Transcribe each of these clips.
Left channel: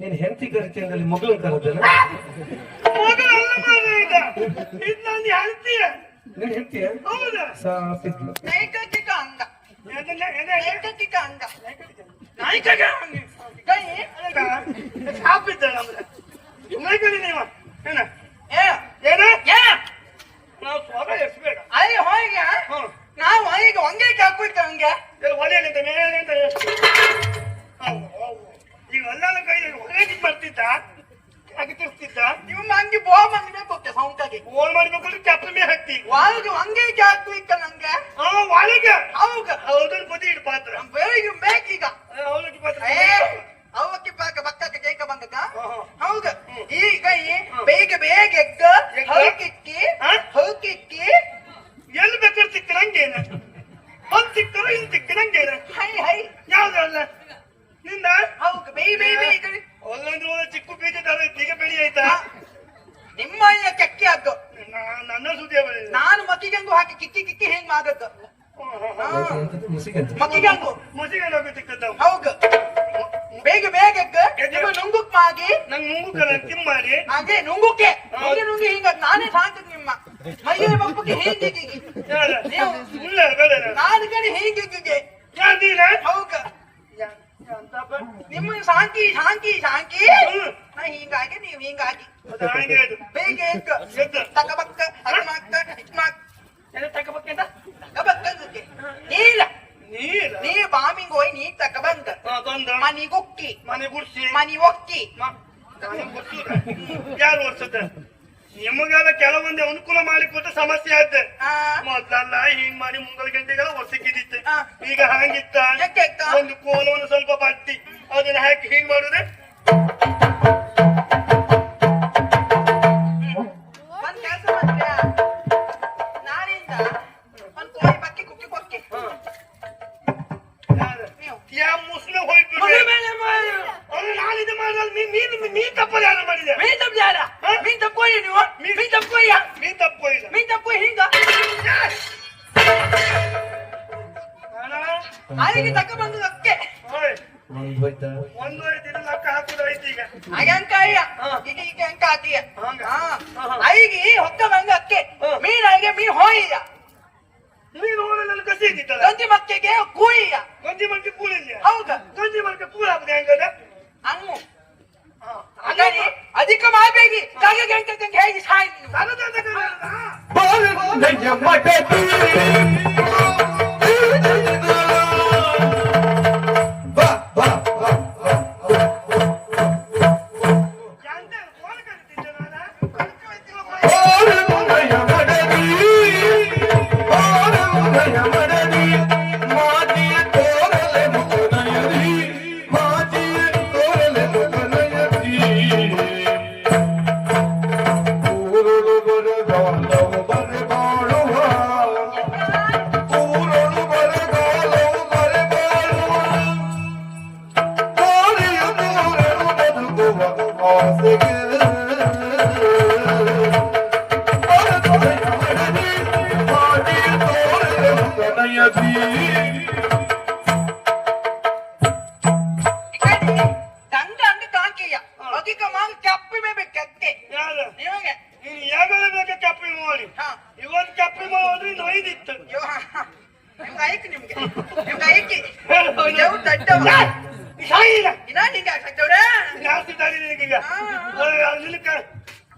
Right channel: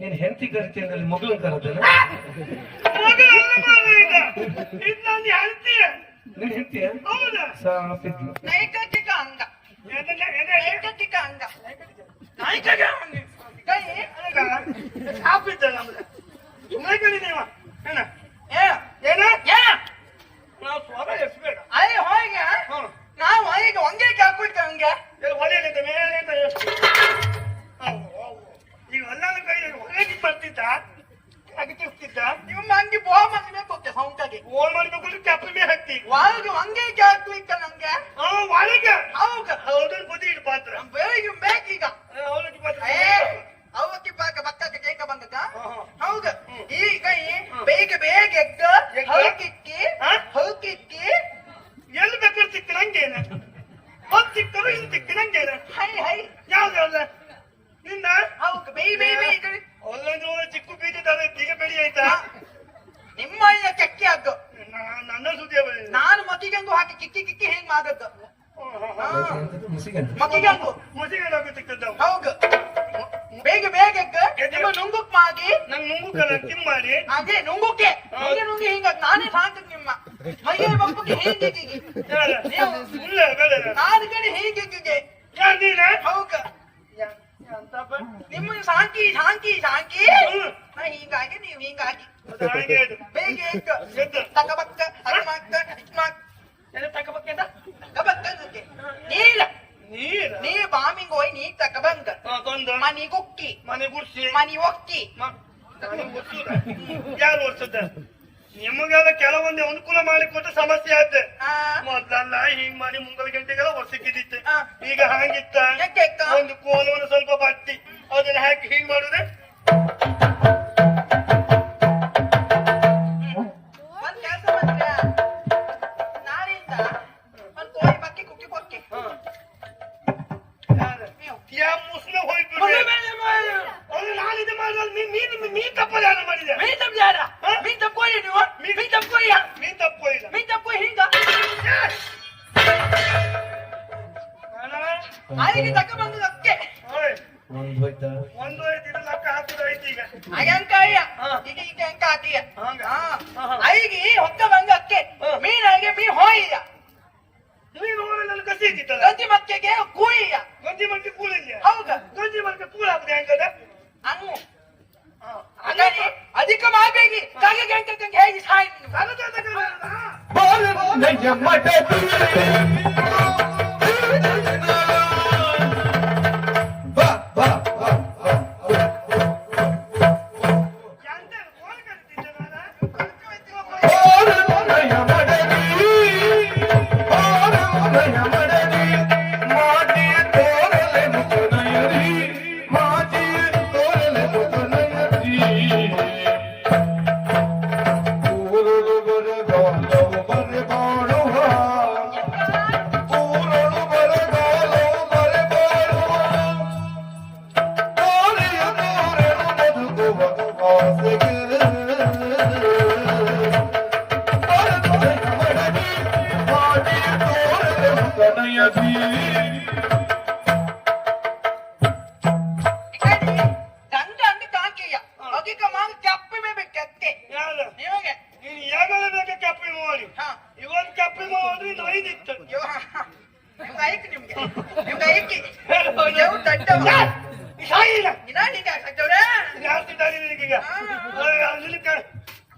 ನೀನ್ ಹೆಂಡತಿ ಕರಿತಿ ಅಂದ್ರೆ ಮಗಳನ್ ಕರದಲ್ಲ ನೀನ್ ಹೆಂಡತಿಯ ಸಾಪಿದ್ಲು ನಾವು ಈಗ ಒಂದೇ ಹಾಕ್ಬಿಡ್ತ ಹಂಗೆ ಈಗ ಹೊಲ ಹೊರಗೆ ಬರ್ತಿದ್ದ ಅಗತಿರ್ತಿದ್ದ ನೀವು ಹಂಗೆ ಬೋ ಬಂದ್ಬೇಕು ಸೌಂಟಾಗಿ ಗೋಲ್ ಮಾಡ್ಬೇಕಂದ್ರೆ ಚಪ್ಪಲಿ ಹಾಕ್ತಿ ಒಳಗೆ ಹಂಗೆ ಹಾಕ್ಬೇಕ ನಂಗೆ ಒಳಗೆ ಹೌದ ಹೌದನ್ ಬದಿ ಇಡ್ ಪಾತ್ರ ಬೇಗ ಬೇಕೀಗ ಅವಲಕ್ಕಿ ಪಾತ್ರ ಅವಲಕ್ಕಿ ಪಾಕ ಬಕ್ಕಕ್ಕೆ ಜೈಕ ಬಂದದ ಹೌದ ಈಗ ಬೇಗ ಬೇಗ ಎಗ್ಗ ಹೌಕಿಕ್ಕಿ ಎಲ್ಲಿ ಬೇಕಾದ್ರೆ ಸಿಕ್ಕಿರಂಗೇನ ಒಂದ್ ಸಿಕ್ಕರು ಇನ್ ಸಿಕ್ಕಿರಂಗೇನ ಹೈ ಹೈ ಯಾವ್ದಲ್ಲ ನಿಂದ ಹೌದು ಬೇ ಬೇ ಬೇ ಒಂದೊಂದು ಚಿಕ್ಕ ಬೀಜ ತರ ಈಗ ಬೆಳಿ ಆಯ್ತಾ ನಿಮ್ಮ ಕೆಕ್ಕಿ ಅದು ನನ್ನ ಸುದ್ದಿ ನಾನು ಮಕ್ಕಿಗಂಗು ಹಾಕಿ ಕಿಕ್ಕಿ ಕಿಕ್ಕಿ ಹೆಂಗ್ ಮಾಡದ್ದು ಮಕ್ಕಿಗಂಗು ಮುಸಿಗಂಗು ಸಿಕ್ಕದ್ದು ಹೌದು ಬೇಗ ಬೇಗ ನುಂಗುಕ್ ಮಾಗಿ ನಂಗ್ ಮುಂಗುಕಲ್ಲ ತಿಮ್ಮಾರಿ ಅದೇ ನುಂಗುಕ್ಕೆ ನುಂಗಿ ಹಿಂಗ ನಾನೇ ಸಾಕು ನಿಮ್ಮ ಮೈಯಲ್ಲಿ ಮಕ್ಕಳಿಗೆ ಹೇಗೆ ನಾನು ಕಡೆ ಹೇಗೆ ಹೌದು ನಿಮ್ಮ ಸಾಕಿ ಸಾಕಿ ಸಾಕಿ ಹೀಗಾಗಿ ನೀವು ಹೀಗಾಗಿ ಬೇಗ ತಕಬಕ್ಕ ತಕಬಕ್ಕ ನೀರ ನೀ ಬಾಮಿಂಗ್ ಹೋಯ್ ನೀ ತಕಬಂದ ಮನಿ ಗುಕ್ಕಿ ಮನೆ ಗುಡ್ಸಿ ಮನಿ ಒಕ್ಕಿ ಯಾರು ಓಡ್ಸದ ನಿಮಗೆಲ್ಲ ಕೆಲವೊಂದು ಅನುಕೂಲ ಮಾಡಿಕೊಟ್ಟ ಸಮಸ್ಯೆ ಆಯ್ತು ಮೊದಲಲ್ಲ ಹಿಂಗ್ ಮಾಡಿ ಮುಂಗಲ್ ಗಂಟೆಗೆಲ್ಲ ಒರ್ಸಿಕ್ಕಿದಿತ್ತು ಈಗ ಹಂಗಿತ್ತ ಒಂದು ಕೋಲವನ್ನು ಸ್ವಲ್ಪ ಬಟ್ಟಿ ಅದನ್ನ ಹಾಕಿ ಹಿಂಗ್ ಮಾಡುದ್ರೆ ಒಂದ್ ಕೆಲಸ ಮಾಡ್ತೀಯ ನಾನಿಂದ ಒಂದ್ ಕೋಳಿ ಬಕ್ಕಿ ಕುಕ್ಕಿ ಕೊಕ್ಕಿ ಯಾ ಮುಸ್ಲಿಂ ಹೋಯ್ತು ನಾನಿದೆ ಮಾಡಿದ್ರೆ ನೀನ್ ತಪ್ಪಲ್ಲ ಯಾರು ಮಾಡಿದೆ ಮೀ ತಪ್ಪ ಯಾರ ಮೀ ತಪ್ಪೋಯಿ ನೀವು ಮೀ ತಪ್ಪೋಯ್ಯ ನೀನ್ ತಪ್ಪೋಯ್ದ ಮೀ ತಪ್ಪೋಯ್ ಹಿಂಗ ಅಲ್ಲಿಗೆ ತಕ್ಕ ಬಂದು ಅಕ್ಕೆ ಒಂದು ಐದು ಲಕ್ಕ ಹಾಕುದು ಐತಿ ಈಗ ಅಯ್ಯಂಕಾಯ ಈಗ ಈಗ ಅಂಕ ಆತಿಯ ಐಗಿ ಹೊಕ್ಕ ಬಂಗ ಅಕ್ಕೆ ಮೀನಾಗೆ ಮೀ ಹೋಯ್ಯ ನೀನು ನನ್ನ ಕಸಿ ಇದ್ದಿತ್ತಲ್ಲ ಗಂಜಿ ಮಕ್ಕೆಗೆ ಕೂಯ್ಯ ಗಂಜಿ ಮಕ್ಕಿ ಕೂಲಿಲ್ಲ ಹೌದಾ ಗಂಜಿ ಮಕ್ಕಿ ಕೂಲ್ ಹಾಕುದು ಹೆಂಗದ ಅನ್ನು ಅದಾಗಿ ಅಧಿಕ ಮಾಡಬೇಡಿ ಕಾಗೆ ಗಂಟೆ ಗಂಟೆ ಹೇಗೆ ಸಾಯಿ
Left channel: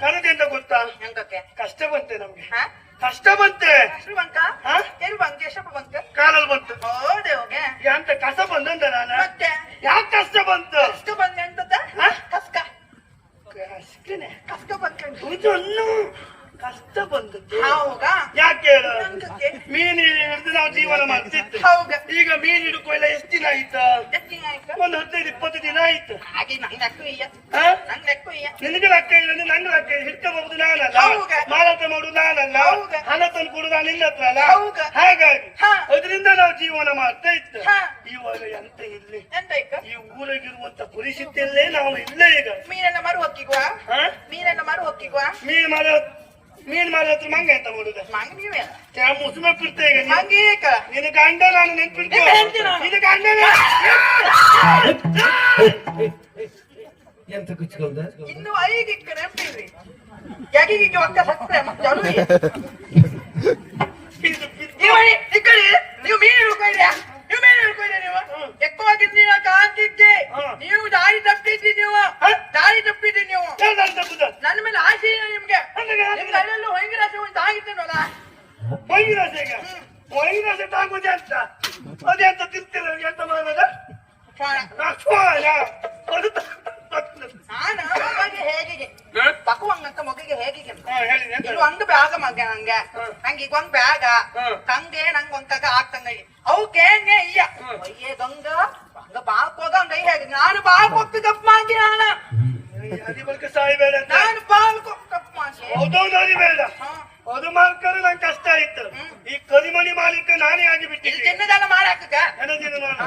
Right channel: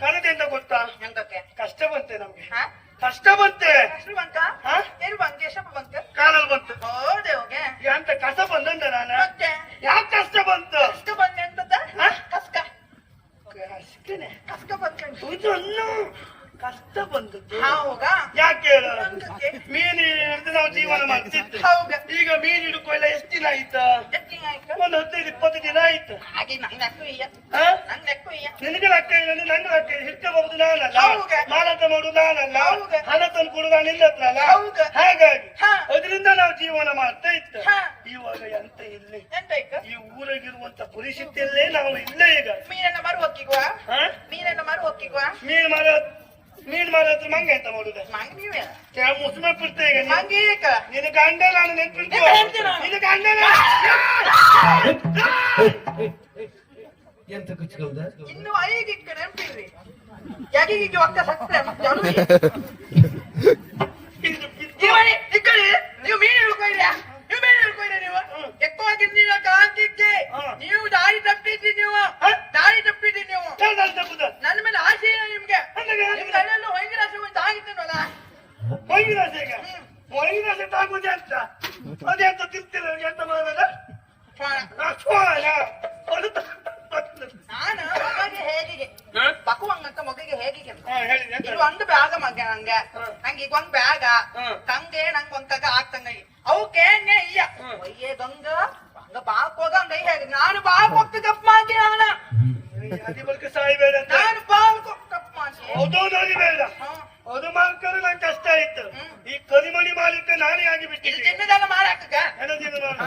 ಕಣದಿಂದ ಗೊತ್ತಾ ಕಷ್ಟ ಬಂತೆ ನಮ್ಗೆ ಕಷ್ಟ ಬಂತೆ ಏನು ಬಂತು ಎಷ್ಟಪ್ಪ ಬಂತು ಕಾಲಲ್ಲಿ ಬಂತು ಹೌದೇ ಹೋಗೆ ಅಂತ ಕಷ್ಟ ಬಂದಂತ ನಾನು ಮತ್ತೆ ಯಾಕೆ ಕಷ್ಟ ಬಂತು ಕಷ್ಟ ಬಂದೆ ಅಂತದ ಕಸ್ಕ ಕಸ್ಕನೆ ಕಷ್ಟ ಬಂದ್ಕೊಂಡು ಇದನ್ನು ಕಷ್ಟ ಬಂದದ್ದು ಹೌದ ಯಾಕೆ ಹೇಳು ಮೀನು ಹಿಡಿದು ನಾವು ಜೀವನ ಮಾಡ್ತಿದ್ದೆ ಹೌದ ಈಗ ಮೀನು ಹಿಡ್ಕೊಳ್ಳ ಎಷ್ಟು ದಿನ ಆಯ್ತಾ ಒಂದು 15-20 ದಿನ ಆಯ್ತು ಹಾಗೆ ನಂಗೆ ಲೆಕ್ಕ ಇಯ್ಯ ಹಾ? ನಂಗೆ ಲೆಕ್ಕ ಇಯ್ಯ ನಿನಗೆ ಲೆಕ್ಕ ಇಲ್ಲ ನನ್ನ ಲೆಕ್ಕ ಹಿಡ್ಕೋಬಹುದು ನಾನಲ್ಲ ಹೌದು. ಮಾರಾಟ ಮಾಡುದು ನಾನಲ್ಲ ಹೌದು. ಹಣ ತಂದು ಕೊಡುದು ನಾನು ನಿನ್ನ ಹತ್ರ ಅಲ್ಲ ಹೌದು. ಹಾಗಾಗಿ ಹಾ. ಅದರಿಂದ ನಾವು ಜೀವನ ಮಾಡ್ತಾ ಇತ್ತು ಹಾ. ಇವಾಗ ಎಂತ ಇಲ್ಲಿ ಎಂತ ಇಕ್ಕ ಈ ಊರಾಗಿರುವಂತ ಪರಿಸ್ಥಿತಿಯಲ್ಲೇ ನಾವು ಇಲ್ಲೇ ಈಗ ಮೀನನ್ನ ಮರು ಹೊಕ್ಕಿಗುವ ಹಾ? ಮೀನನ್ನ ಮರು ಹೊಕ್ಕಿಗುವ ಮೀನ್ ಮಾರ ಹತ್ರ ಮಂಗ ಎಂತ ಮಾಡುದು ಮಂಗ ನೀವೇ ಮುಸ್ಮ ಬಿಡ್ತೇವೆ ಮಂಗೆ ಏಕ ನಿನ್ನ ಗಂಡ ನಾನು ನೆನ್ಪಿಡ್ತೇವೆ ನೆನ್ಪಿಡ್ತೀನಿ ನಾನು. ನಿನ್ನ ಗಂಡ ಎಂತ ಕುಚ್ಕೊಂಡ ಇನ್ನು 5 ಇಕ್ಕ ನೆನಪಿಲ್ರಿ ಯಾಕೆ ಅಕ್ಕ ಸತ್ತರೆ ಮತ್ತೆ ಅವ್ರು ನೀವು ಇಕ್ಕಡಿ ನೀವು ಮೀನು ಹಿಡ್ಕೊಳ್ಳಿ ನೀವು ಮೀನು ಹಿಡ್ಕೊಳ್ಳಿ ನೀವು ఎక్కువವಾಗಿ ನೀವು ಕಾಂತಿದ್ದಿ ನೀವು ದಾರಿ ತಪ್ಪಿದ್ದಿ ನೀವು ದಾರಿ ತಪ್ಪಿದ್ದಿ ನೀವು ನನ್ನ ಮೇಲೆ ಆಸೆ ಇಲ್ಲ ನಿಮ್ಗೆ ನಿಮ್ಗೆ ಅಲ್ಲೆಲ್ಲೂ ವೈಂಗರಾಸ ಒಂದು ಆಗಿತ್ತಲ್ವಲ್ಲ ವೈರಸ ತಾಗುದೇ ಅಂತ ಅದೆಂತ ತಿರ್ತಿರ ಎಂತ ಮಾಡಬೇಡ ನಾನು ಮಗನಿಗೆ ಹೇಗೆ ತಕ್ಕುವಂಗಂತ ಮಗಿಗೆ ಹೇಗೆ ಹೇಳಿದೆ ಇದು ಒಂದು ಬ್ಯಾಗ ಮಗ ನಂಗೆ ನಂಗೆ ಈಗ ಒಂದ್ ಬ್ಯಾಗ ತಂದೆ ನಂಗೆ ಒಂದ್ ತಗ ಆಗ್ತಂಗ ಅವಕ್ಕೇನೆ ಇಲ್ಲ ಅಯ್ಯೇ ಗಂಗ ಹಂಗ ಬಾಕ್ ಹೋಗಂಗ ಹೇಗೆ ನಾನು ಬಾಕ್ ಹೋಗ್ತಿ ತಪ್ಪು ಮಾಡ್ತೀನಿ ಅದಿ ಬಲ್ಕ ಸಾಯ್ಬೇಡ ಅಂತ ನಾನು ಬಾಕ್ ತಪ್ಪು ಮಾಡ್ತೀನಿ ಹೌದೌದು ಬೇಡ ಅದು ಮಾಡ್ಕೊಂಡು ನಂಗೆ ಕಷ್ಟ ಆಯ್ತು ಈ ಕರಿಮಣಿ ಮಾಲಿಕ ನಾನೇ ಆಗಿ ಇದು ಬಿಟ್ಟಿದ್ದೆ ಚಿನ್ನದೆಲ್ಲ ಮಾಡಿ ಹಾಕಕ್ಕ ನನಗೇನು ನಾನು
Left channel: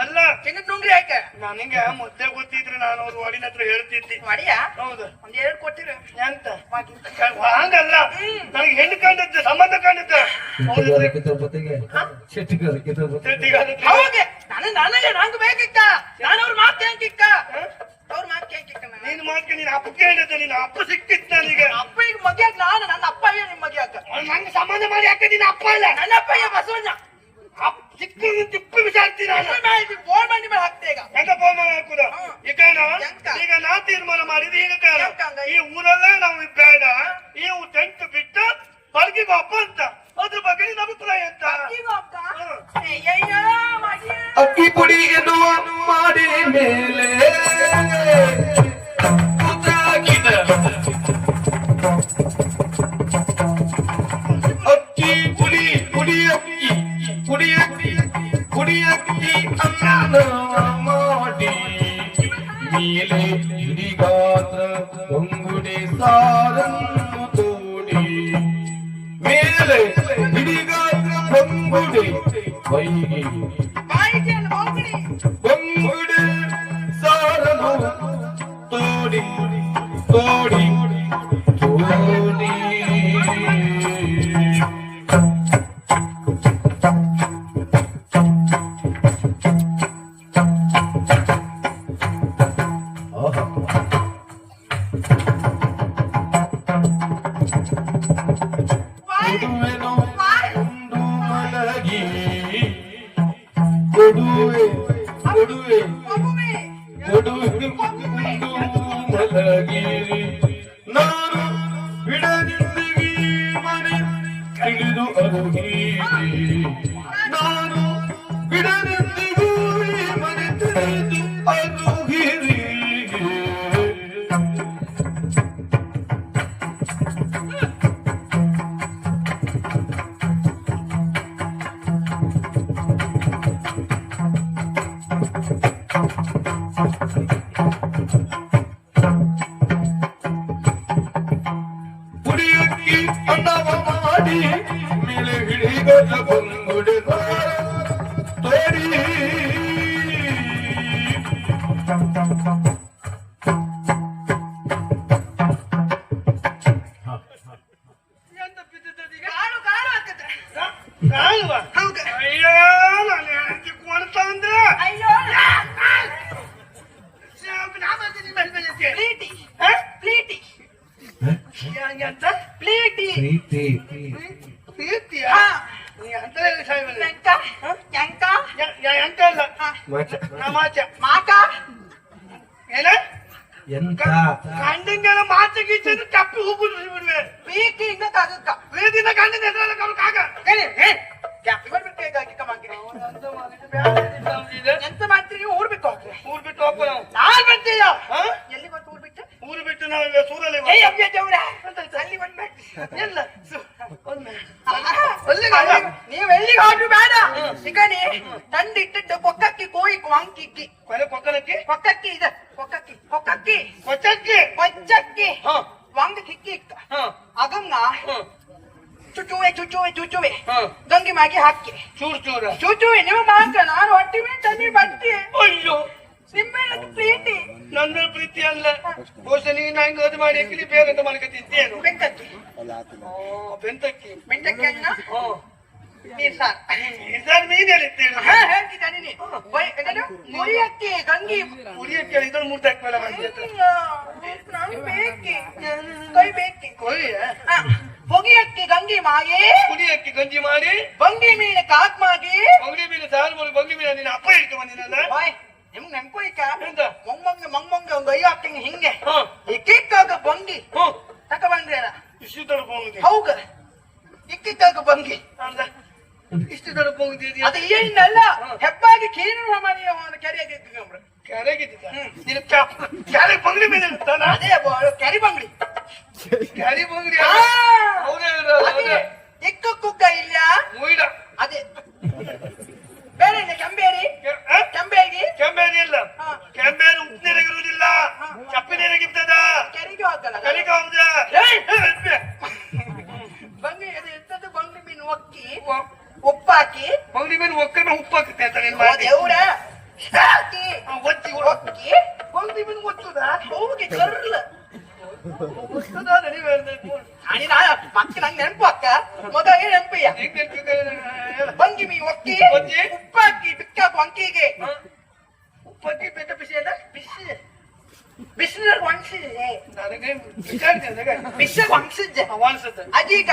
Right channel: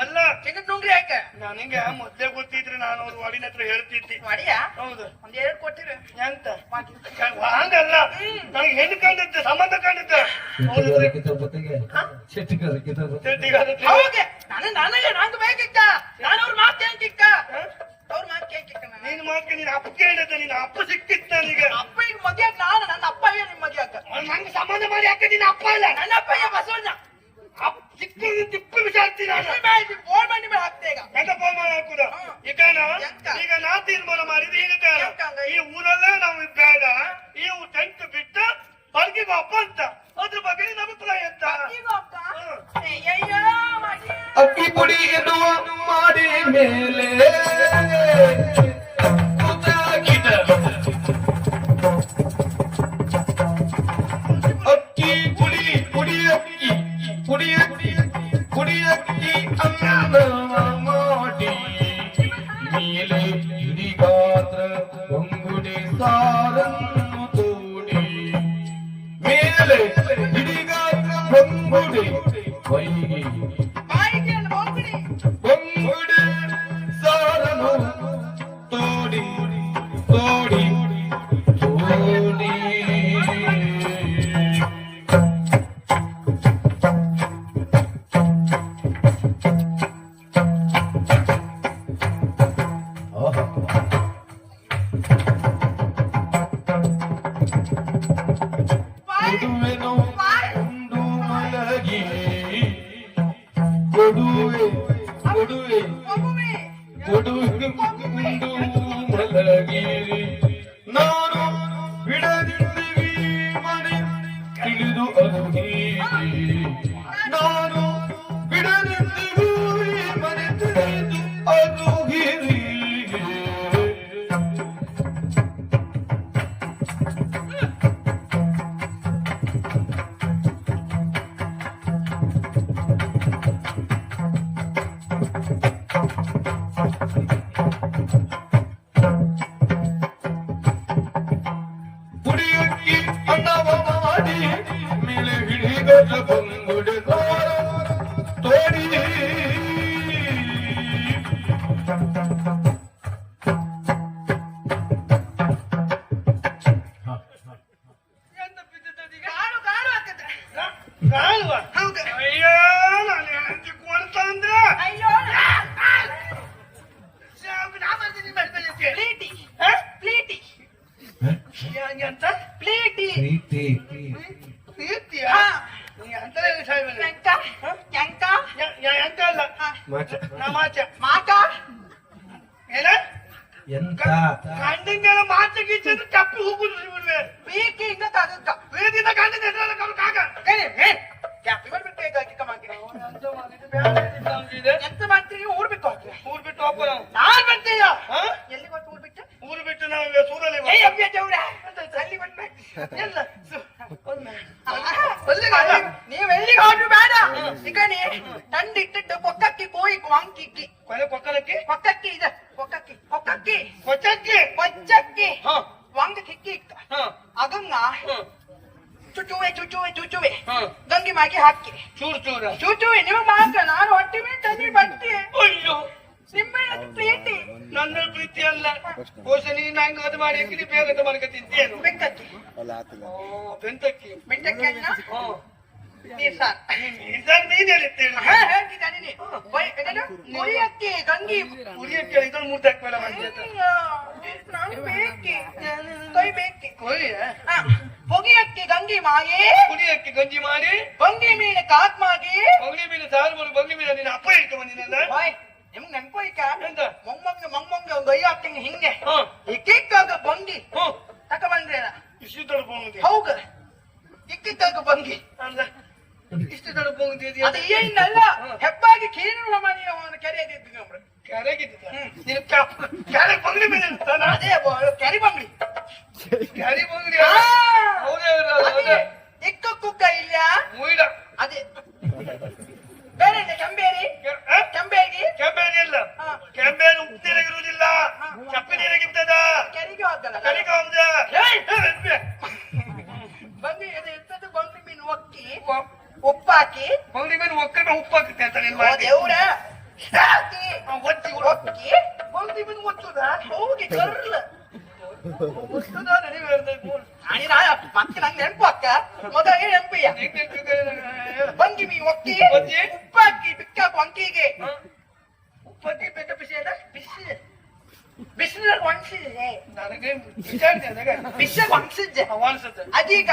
ಅಲ್ಲ ಚಿನ್ನದ ನುಂಗ್ರಿ ಹಾಕ ನನಗೆ ಮೊದ್ಲೇ ಗೊತ್ತಿದ್ರೆ ನಾನು ಅವ್ರ ಒಡಿನ ಹತ್ರ ಹೇಳ್ತಿದ್ದೆ ಮಾಡಿಯಾ ಹೌದು ಒಂದ್ 2 ಕೊಟ್ಟಿರ ಎಂತ ಹಂಗಲ್ಲ ನನಗೆ ಹೆಣ್ಣು ಕಂಡದ್ದು ಸಂಬಂಧ ಕಂಡದ್ದು ಜೊತೆಗೆ ಶೆಟ್ಟಿಗಾರಕ್ಕೆ ಹೌದೇ ನನಗೆ ನಂಗೆ ಬೇಕಿತ್ತ ನಾನು ಅವ್ರ ಮಾತು ಕೇಳ್ತಿಕ್ಕ ಅವ್ರ ಮಾತು ಕೇಳ್ತಿಕ್ಕ ನಾನು ನೀನ್ ಮಾತ್ರ ನೀನ್ ಅಪ್ಪ ಕೇಳಿದ್ದೆ ನಿನ್ನ ಅಪ್ಪ ಸಿಕ್ಕಿತ್ತು ನನಗೆ ಅಪ್ಪಗೆ ಮಗ್ಯಾಕ ನಾನು ನನ್ನ ಅಪ್ಪಯ್ಯ ನಿಮ್ ಮಗ್ಯಾಕ ನಂಗೆ ಸಂಬಂಧ ಮಾಡಿ ಯಾಕೆ ನಿನ್ನ ಅಪ್ಪ ಇಲ್ಲ ನನ್ನ ಅಪ್ಪಯ್ಯ ಬಸವಣ್ಣ ತಿಪ್ಪು ವಿಚಾರ್ತಿ ನಾನು ಫೋನ್ ಮಾಡಿ ಮೇಲೆ ಹಾಕ್ತೆ ಈಗ ಎಂತ ಫೋನ್ ಹಾಕುದ ಈಗ ನಾ ತೀರ್ಮಾನ ಮಾಡಿದ ಈಗ ಕಾರಣ ಈ ಊರಲ್ಲೇ ನಾವು ಬೇಡ ಈ ಟೆಂಟ್ ಬಿಟ್ಟು ಬರ್ಗಿಗೆ ಒಪ್ಪ ಅಂತ ಅದ್ರ ಬಗ್ಗೆ ನಿನ್ನ ಅಭಿಪ್ರಾಯ ಅಂತ ಅಕ್ಕಿ ಪುಡಿ ಎನ್ನುವ ಮಾಡಿ ಮೇಲೆ ಅಕ್ಕಿ ಪುಡಿ ಕುಡಿಯಕ್ಕಿ ಕುಡಿಯಕ್ಕಿ ಕುಡಿಯಕ್ಕಿ ಅನ್ನ ಮಾಡಿ ಮೇಲೆ ಹಿಡಿಗಾತ್ರ ಹೊಂಗುಡಿ ಸಾರನ್ನು ತೋಡಿ ಮೇಲೆ ಹಿಡಿಗಾತ್ರ ಹೊಂಗುಡಿ ಹೊಯ್ಗಿ ಹೊಂಗುಡಿ ಸಾರನು ತೋಡಿ ತೋಡಿ ತೋಡಿ ಕೊಡುವೆನು ಒಂದು ಮಲಗಿ ಕೊಡುವೆ ಕೊಡುವೆ ಕೊಡುವೆ ಒಂದು ಮಲಗಿರಿ ನಾನು ಬಿಡದಿದ್ದಗಿ ಮನೆ ತಿಳಿದು ಅರುಹೀರಿ ನಾನು ಬಿಡದಿದ್ದಗಿ ಮನೆ ತಿಳಿದು ಅರುಹೀರಿ ಕುಡಿಯಕ್ಕಿ ಅನ್ನ ಮಾಡಿ ಮೇಲೆ ಹಿಡಿಗಲ್ಲ ಬಂಗುಡೆ ತೋಡಿ ಅಯ್ಯೋ ನಾನು ಹೆಂಡತಿ ಕೊಡ್ತ ಅಂದ್ರೆ ಅಂತ ಪ್ರೀತಿ ಪ್ರೀತಿಯ ನೀ ಅಂತಲೇ ಸಾಯ್ಬಲ್ಲ ಎಂತ ಅಲ್ಲ ಮಾಚ ಏನ ಎಂತ ಗಂಡಂಗೆಲ್ಲ ಮಾತು ಗೀಚು ತಪ್ಪು ಹೋಗುದು ಬಿಡುವೆ ಪ್ರೀತಿಯಿಂದ ತಗಕ್ಕ ಪ್ರೀತಿಯಿಂದ ಗಂಡನ ಎದುರಲ್ಲಿ ಕಾಗ ಎಂತ ಮಾಡ್ತೀರಿ ಊರ್ ಬಿಟ್ಟು ಹೋಗ್ತೀವಿ ಊರ್ ಬಿಟ್ಟು ಹೋಗ್ತಾರೆ ನಾನ್ ಬರ್ತೀಯ ಹಾ? ಎಲ್ಲಿ ಮತ್ತೆ ಊರ್ ಬಿಟ್ಟು ಊರು ಬಿಟ್ಟು ನಾವು ಇಲ್ಲ ನೀವು ಎಲ್ಲಿಗೆ ಹೋದ್ರು ಬೇಡ ಈಗ ತಂದಿಟ್ಟು ಕೊಕ್ಕಕ್ಕಿ ಕೋಯಿ ವಾಂಕಿಕ್ಕಿ ಕೊಕ್ಕಲಕ್ಕಿ ಕೊಕ್ಕಕ್ಕಿ ಇದೆ ಕೊಕ್ಕಕ್ಕಿ ಕೊಕ್ಕಕ್ಕಿ ಕೊಚ್ಚಕ್ಕಿ ಕೊಚ್ಚಕ್ಕಿ ಹಾ ವಾಂಗ ಕಿಕ್ಕಿ ಹಾ ಅಗಂಗ ಚುಚುವೆ ಹಾ ಗಂಗಿ ಮಾಗಿ ಹಾಕಿ ಚೂರು ಚುಚುವೆ ನೀವು ಮಾತ್ರ ನಾನು ಹೊಟ್ಟಿ ಮೇಲೆ ತಂದಿ ಬಟ್ಟಿ ಅಯ್ಯೋ ನಿಮ್ಮ ಪ್ರೀತಿ ನನ್ನ ಪ್ರೀತಿ ಅಲ್ಲ ಬಹುಶ ನೀನ್ ನಂಗೆ ಅದು ಮಾಡಿ ಎಕ್ಲಿ ಬೇಗ ಮಾಡ್ಕ ತಿಂತೇನು ಬೆಂಕಕ್ಕಿ ಬೆಂತಕ್ಕಿ ಬೆಂಕಕ್ಕಿ ನೀರ್ ಸಾರ್ ಸರ್ ನೀನ್ ಹೇಳಿದ್ದೇನು ಹೇಳ್ತಿದ್ದಾನೆ ಮುರಿಯಕ್ಕೆ ಗಂಗಿ ಉರಿಯಕ್ಕೆ ಇದನ್ನು ಮೂರ್ತಾಕ್ ಮೇಲೆ ಮಾಡ್ತೀನಿ ನಾನು ಬೇಕಿ ಕೈ ಬೇಕಿ ಹೊಗಿಯಕ್ಕೆ ಗಂಗಿ ಮಾಗಿ ಕುಡಿಯಕ್ಕೆ ಗಂಜಿ ಮಾಡಿ ಬಂಗಿ ಮೇಲೆ ಕಾಕ್ ಮಾಗಿ ಬಂಗಿ ಮೇಲೆ ಸಾರು ಮಾಡಿ ಬಂಗಿ ಮೇಲೆ ನಿನ್ನ ಅಪ್ಪ ಇಟ್ಟು ಬಂದಿನಲ್ಲ ನಿಮ್ಗೆ ನೆನ್ಪೋಯ್ಕ ಎಂತ ಮೊಮ್ಮಂಗೆ ಒಂದು ಐ ಹಾಕ್ತಂಗೆ ಹಿಂಗೆ ಹಾ ಇಕ್ಕಿಕ್ಕಾಗ ಬಂಗಿ ಹ್ಮ್ ತಕ ಬಂದ್ರೇನ ಇಷ್ಟು ದೊಡ್ಡ ಬೋನಿಗೆ ಹೌಗ ಇಕ್ಕಿಕ್ಕಾಗ ಬಂಗಿ ಅಲ್ಲ ಇಷ್ಟು ದೊಡ್ಡ ಬೋನಿಗೆ ಅದು ಏನಲ್ಲ ಹೆಪ್ಪಾಗಿ ಕೀರುವ ಮನೆಯ ಒಂದು ಕೆರೆಗೆ ಕೆರೆಗೆ ಕೆರೆ ಬಂಗಡಿ ಮೇಲೆ ಇರ್ತಾನ ಅದೇ ಕೆರೆ ಬಂಗ್ಡಿ ಕೆರೆ ಬಂಗಡಿ ಇಕ್ಕ ಕುಕ್ಕ ಇಲ್ಲ ಮುಯಿಡ ಅದೇ ಬೇರೆ ಇಲ್ಲ ಕೆಂಬೇರಿ ಕೆಂಬೇಗಿ ಕೆಂಬೇರಿ ಇಲ್ಲ ಕೆಂಬೇರು ಉಪ್ಪು ನೀರಾಗಿರುವುದಿಲ್ಲ ಕಪ್ಪಿ ನೀರಾಗಿರ್ತದ ಕೆರೆಗೆ ಹೋಗಲ್ಲ ಕರಿಕ ಹೋಗ್ದ ಬಂಗಿ ಅದು ಎಂತದ್ದು ಬಂಗ್ಡಿ ಮೀನು ಒಕ್ಕಿ ಉಪ್ಪಾಕಿ ಬಂಗಡಿ ಮೇಲೆ ಒಕ್ಕನ ಉಪ್ಪು ಹಾಕುತ್ತೆ ಅಂತ ನಿನ್ ಓ ಮಾತಿ ದೇವ್ರ ಹಾಕಿ ಒಚ್ಚಿ ಒಕ್ಕಿ ಬಂಗ್ಡಿ ಮೀನು ಒಚ್ಚುದ ಹೋಗಿ ಕರ್ಲ ಒಚ್ಚುದ ನೀವೇ ಅಣಿನ ಪಕ್ಕ ನಂಗೆ ನೆನಪು ಅಕ್ಕ ಮೊದ ನೆನಪಿಯ ಬಂಗಿ ಮೀನು ಒಕ್ಕಿ ಉಪ್ಪಾಕಿ ಬಿಕ್ಕಾಕು ಅಂಕಿಗೆ ಉಪ್ಪಕ್ಕಿ ಬೆಟ್ಟ ಬಿಸಿ ಅದ ಬಿಸಿ ಬಿಸಿನ ಒಣಸಿದೆ ನನಗೆ ವಿಚಾರಿಸಿದೆ ಬಿಸ ಒಣಸಿದ್ದೆ ವಾಣಿಸುತ್ತೆ ಅದೀಗ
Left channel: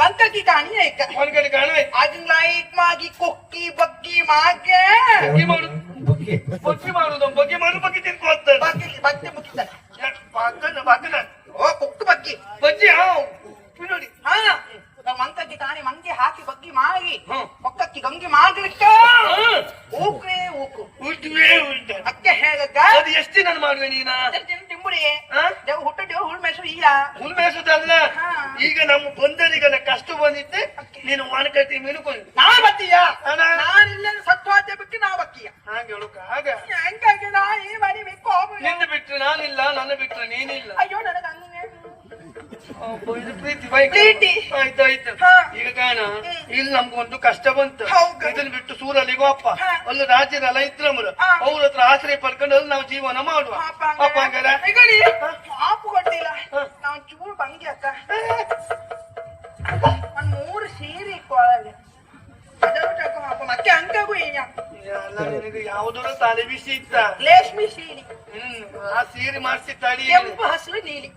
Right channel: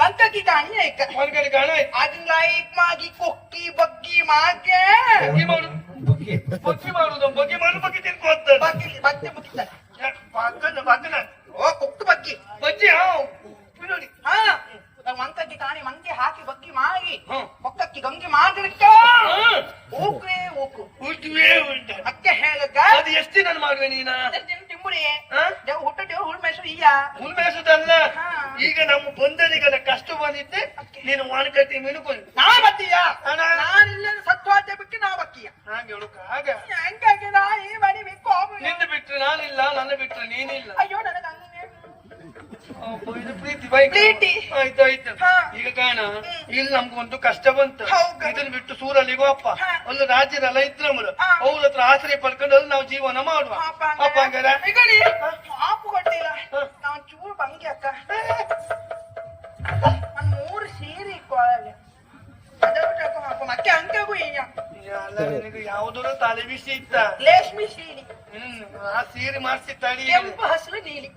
ವಂಕಿ ಕಾಣಿ ಆಯ್ಕ ಒಂದ್ ಕಡೆ ಕಾಣ ಅದು ಲೈಕ್ ಮಾಗಿ ಕೊಕ್ಕಿ ಬಗ್ಗಿ ಮಾಗೆ ಬಗ್ಗೆ ಮಾಡುದು ಬಗ್ಗೆ ಮಾಡುದು ಬಗ್ಗೆ ಮಾಡಿ ಬಗ್ಗೆ ತಿನ್ಕೋತ ಬಗ್ಗಿ ಬತ್ತೆ ಮುಟ್ಟಿದ ಬಗ್ಗನ ಓ ಕೊಕ್ಕು ಬಗ್ಗಿ ಬಜ್ಜಿ ಹಾ ಉಪ್ಪು ನೋಡಿ ಹಾ ವಂಕಿ ಕಾಣಿ ಮಂಗೆ ಹಾಕಿ ಬಗ್ಗಿ ಮಾಗಿ ಹ್ಮ್. ಕೊಕ್ಕಕ್ಕಿ ಗಂಗಿ ಮಾಗಿ ಊಕ್ರೆ ಊಕು ಉಳ್ದುವೇ ಉಳ್ದೆ ಅಕ್ಕೆ ಹೇಳಕ್ಕ ಅದು ಎಷ್ಟು ದಿನ ಮಾಡುವೆ ನೀನ ತಿಂಬುಡಿಗೆ ಹಾ? ದೇವ್ ಹುಟ್ಟ ದೇವ್ ಹುಳ್ ಮೆಸರು ಈಗ ಉಳ್ಮೇಸದಲ್ಲ ಹಾ. ಈಗ ನಮ್ಮ ಬಂದರಿಗೆಲ್ಲ ಕಷ್ಟ ಬಂದಿತ್ತೆ ನೀನು ವಾಣಕಟ್ಟಿ ಮಿನುಕೊಂಡು ನಾ ಬತ್ತೀಯ ಅಣ್ಣ. ನಾನಿಲ್ಲ ಸತ್ವಾದ್ಯ ಬಿಟ್ಟು ನಾ ಬಕ್ಕಿಯ ಹಾಗೆ ಹುಡುಕ ಹಾಗ ಹೆಂಗಾಗಿ ನಾ ಈ ಮನೆ ಬಿಟ್ಟು ನಿನ್ನ ಬಿಟ್ರೆ ನಾನಿಲ್ಲ ನನ್ನ ಬಿಟ್ರೆ ನೀನಿಲ್ಲ ಅಯ್ಯೋ ನನಗೆ ಹಂಗೆ ಇದು ಪ್ರೀತಿ ಬೈಕ್ ಪ್ರೀತಿ. ಆಯ್ತಾಯ್ತು ಹಾ. ಈಗ ಕಾಣ ಇಲ್ಲಿ ನಮ್ಗೊಂದು ಕಷ್ಟ ಬಂತು ಹೌದು. ಇದನ್ನ ಬಿಟ್ಟು ಸೂರಲ್ಲಿಗೋ ಅಪ್ಪ ಹಾ. ಅಲ್ಲಿ ರಾಜ್ಯರೆಲ್ಲ ಇದ್ರು ನಮ್ಮದು ಹಾ. ಅವ್ರ ಹತ್ರ ಆಶ್ರಯ ಪಡ್ಕೊಂಡು ಅಲ್ಲಿ ನಾವು ಜೀವನ ಮಾಡುವ ಅಪ್ಪ ಹಂಗಾರ ಈಗಡಿ ಆಪು ಕೊಟ್ಟಿಲ್ಲ ನಾನು ಚೂರು ಬಂಗಿ ಅಕ್ಕ ಒಂದ್ 3 ಸೀರೆ ಕೊಳಗೆ ಮತ್ತೆ ಹಂಗಾಗು ಈಗ ಅಲ್ಲ ನಿನಗೆ ಯಾವ್ದಾರು ತಲೆ ಬಿಸಿ ಇತ್ತ ರೇಷ್ಮೆ ಸೀರೆ ಆ ಸೀರೆ ಮಾಡಿಸಿದ್ದಾಡಿ ಕೆಂಪು ಹಸಿರು ನೀಲಿ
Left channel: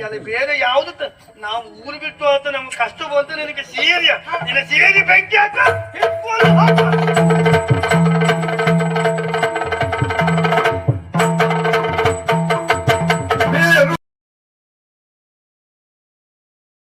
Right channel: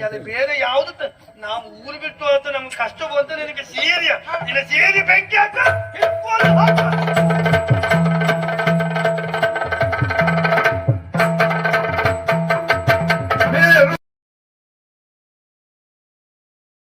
ಅಲ್ಲಿ ಬೇರೆ ಯಾವ್ದು ನಾವು ಊರು ಬಿಟ್ಟು ಅಂತ ನಮ್ಗೆ ಕಷ್ಟ ಬಂತು ನಿನಗೆ ಸೀರೆ ನಿನ್ನ ಸೀರೆ ಬೆಂಕಿ ಹಾಕ